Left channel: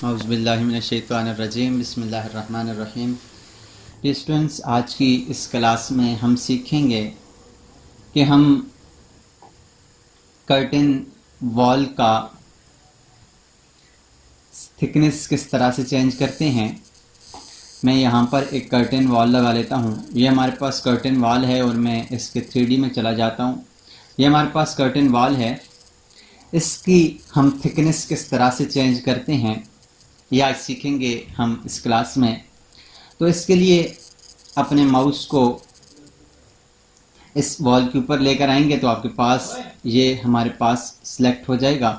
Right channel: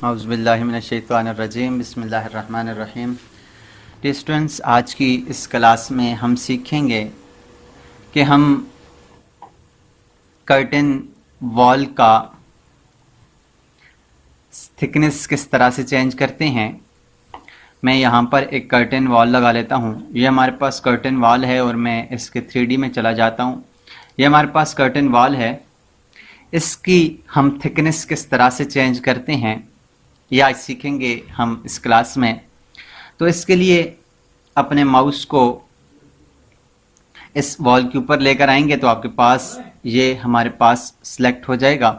औज़ुबिल्लाहिमिनश्शैतानिर्रजीम बिस्मिल्लाहिर्रहमानिर्रहीम। स्टूडेंट्स, आज की इस क्लास में हम सीखेंगे कि हम कर्टेन वॉल का थिकनेस किस तरह से चेंज करते हैं। मैं यहाँ पर एक कर्टेन वॉल लगा लेता हूँ। ये हमारे पास कर्टेन वॉल है और मैं इसके 3D में चला जाता हूँ। ये हमारे पास कर्टेन वॉल है। इसकी हम थिकनेस किस तरह से चेंज करते हैं ये आज सीखेंगे हम इस क्लास में। तो इसके लिए अपने माउस को इस वॉल के ऊपर लेकर आएंगे तो आपके पास ये हमारे पास सिलेक्ट हो जाएगा।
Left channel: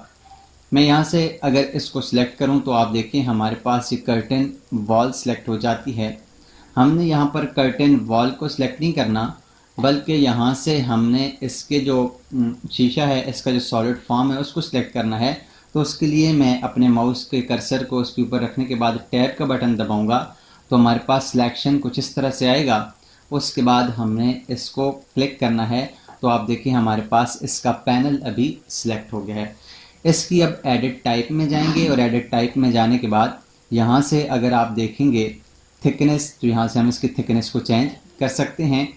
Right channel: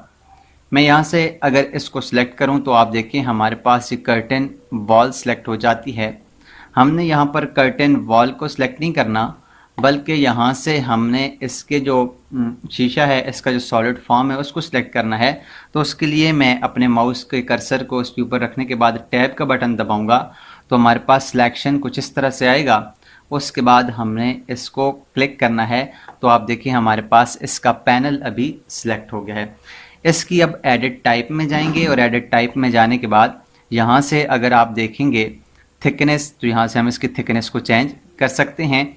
मैं यहाँ से अगर इसको सिलेक्ट करूँ तो आप देखिए हमारे पास ये कर्टेन वॉल सिलेक्ट हो जाती है। हमने यहाँ पर कर्टेन वॉल को सिलेक्ट नहीं करना, बल्कि यहाँ से हमने इसके जो शीशा है, इसका जो सॉलिड फॉर्म है, उसको सिलेक्ट करना है। तो उसके लिए मैं अपने माउस के कर्सर को उसके ऊपर रखने के बाद टैब का बटन दबाऊंगा तो हमारे पास सिलेक्शन कुछ इस तरह से आएगा। उसके बाद हमने इसको क्लिक करना है तो आप देखिए हमारे पास इसका पैनल अभी सिलेक्ट हो गया है। इसकी अब एडिट टाइप में जाएंगे और एडिट टाइप में जाने के बाद यहाँ से अगर आप देखेंगे थिकनेस, तो यहाँ से हम इसकी थिकनेस को चेंज कर सकते हैं।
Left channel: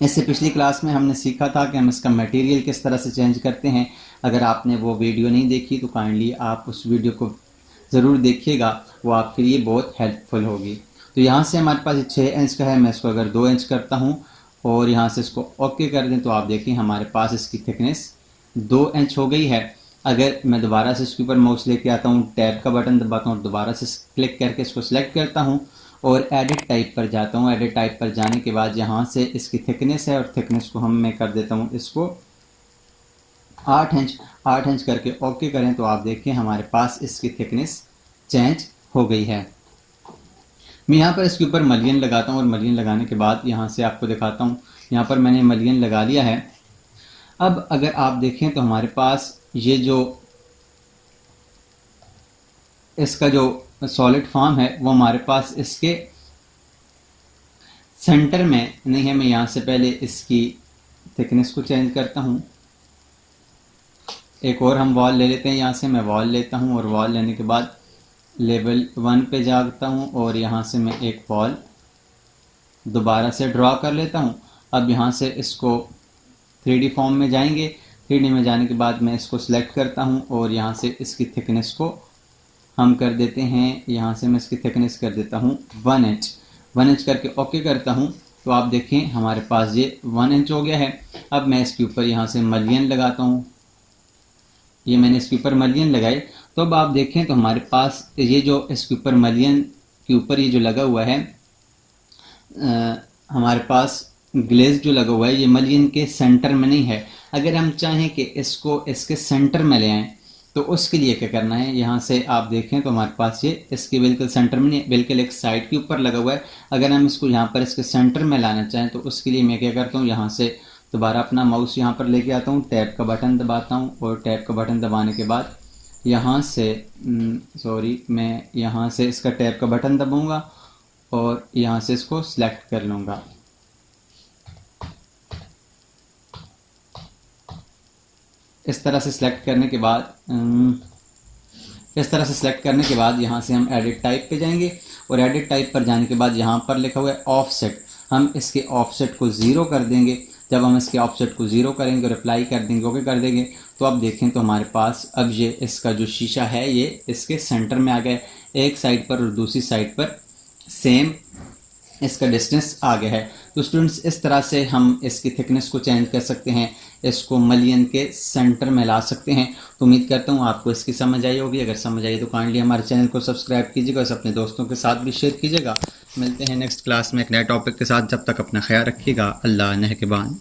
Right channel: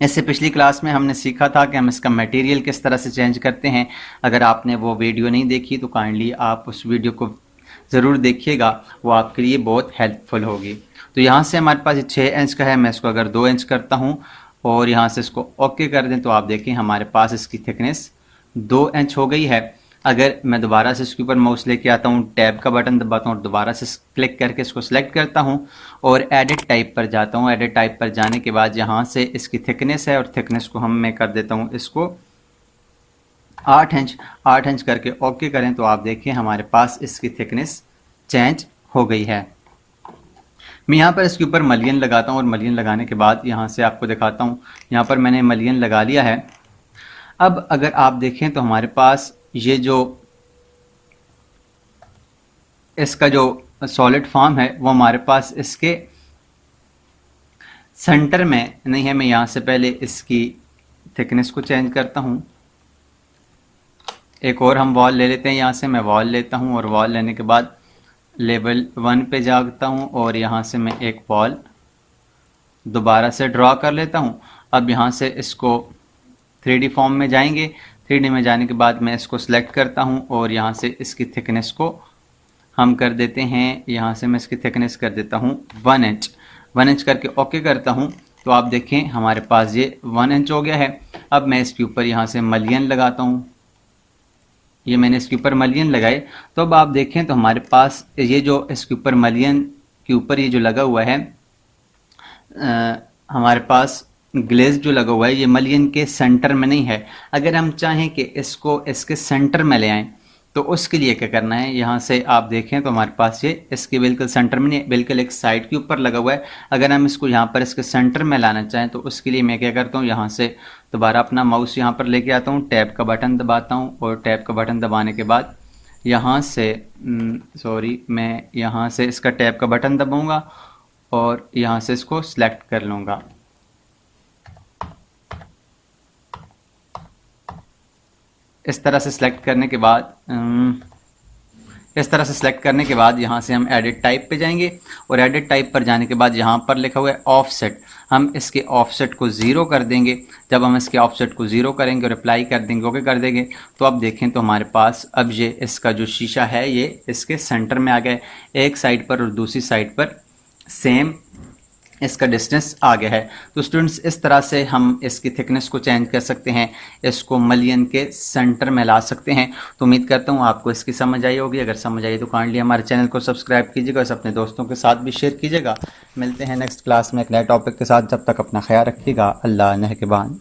इससे पिछली क्लास में हमने सीखा था कि हम इसका मटेरियल किस तरह से चेंज करते हैं। अगर आपने वो वीडियो नहीं देखी तो काइंडली आप उस वीडियो को ज़रूर देखिएगा, वो आपके लिए बहुत हेल्पफुल होगी। तो यहाँ से हमारे पास 6 इंच का है, मैं इसको अगर 2 इंच करता हूँ और यहाँ से इसको ओके कर दें तो आप देखिए हमारे पास इसकी थिकनेस 2 इंच हो गई है। अगर मैं दोबारा से इसके ऊपर माउस लेके आता हूँ, टैब का बटन दबाता हूँ और दोबारा से क्लिक करके इसको सेलेक्ट करता हूँ और एडिट टाइप पर जाता हूँ। एडिट टाइप पर जाने के बाद यहाँ से इसकी थिकनेस है और थिकनेस को मैं कर देता हूँ इसको 8 इंच करके ओके करें तो आप देखिए हमारे पास इसकी थिकनेस चेंज हो गई है। मैं यहाँ पर इसके ऊपर मलियन लगाता हूँ और मलियन लगाने के बाद यहाँ से आपको दिखाता हूँ। यहाँ पर मैंने मलियन लगा लिया है। अब अगर आप देखें तो हमारे पास ये जो इसका जो सॉलिड फॉर्म है वो हमारे पास इसके सेंटर में नहीं है। मैं यहाँ से पहले इसकी थिकनेस को चेंज करता हूँ। एक और हम वॉल ले लेते हैं। यहाँ से मैं वॉल लेता हूँ और वॉल लेने के बाद लेवल 1 पे जाता हूँ और यहाँ से मैं एक वॉल दोबारा से ड्रॉ कर लेता हूँ। अब यहाँ से इसको 3D फॉर्म में जाएंगे। 3D में जाने के बाद मैं इसको सिलेक्ट करता हूँ और यहाँ से इसकी थिकनेस को हम कर देते हैं, यहाँ से मैं इसकी थिकनेस कर देता हूँ 1 इंच। 1 इंच करके ओके करता हूँ तो आप देखें हमारे पास ये 1 इंच हो गया है। अब मैं इसके ऊपर यहाँ से मलियन लगाता हूँ। ये मैंने इसके ऊपर मलियन लगाए तो अब आप देखें तो हमारे पास ये जो इसके ऊपर मलियन के ऊपर ये जो लगा हुआ है, हमारे पास ग्लेज जो लगा हुआ है ये मलियन के सेंटर में नहीं है। अगर हम चाहें कि इसको इसके सेंटर में ले आएं तो उसके लिए क्या करना है, यहाँ से आप देखें तो हमारे पास ये इसके बिल्कुल सेंटर में नहीं, बिल्कुल एक साइड के ऊपर लगा हुआ है। अगर हम इसको यहाँ पर इसके सेंटर में लाना चाहें तो उसके लिए मैं क्या करता हूँ, यहाँ से दोबारा अपना माउस यहाँ पर लेके आता हूँ, टैब का बटन दबाता हूँ और टैब का बटन दबाने के बाद यहाँ से मैं यहाँ से इसका टैब का बटन दबाऊँगा और यहाँ से इसको सिलेक्ट कर लूँगा। इस तरह से सिलेक्ट करने के बाद यहाँ से हम एडिट टाइप पे जाएंगे और एडिट टाइप पर जाने के बाद यहाँ पर लिखा हुआ है ऑफसेट, हम इसके ऑफसेट को 0 कर देंगे। जब हम इसके ऑफसेट को 0 करेंगे और अप्लाई कर देंगे, ओके कर देंगे तो अब देखें तो हमारे पास अब ये इसका जो शीशा है ये इसके सेंटर में आ गया है। एक साइड पर और दूसरी साइड पर सेम इसका डिस्टेंस आ गया है। तो स्टूडेंट्स, इस तरह से हम इसकी थिकनेस को चेंज कर सकते हैं, इसको मलियन के सेंटर में ला सकते हैं। तो उम्मीद करता हूँ आपको इसकी समझ आई होगी। अगर समझ आई तो काइंडली हमारे चैनल को सब्सक्राइब कीजिएगा, इसे अपने दोस्तों के साथ भी शेयर कीजिएगा। मिलते हैं नेक्स्ट क्लास में एक नए टॉपिक के साथ। जब तक अपना ख्याल रखिएगा। अल्लाह निगहबान।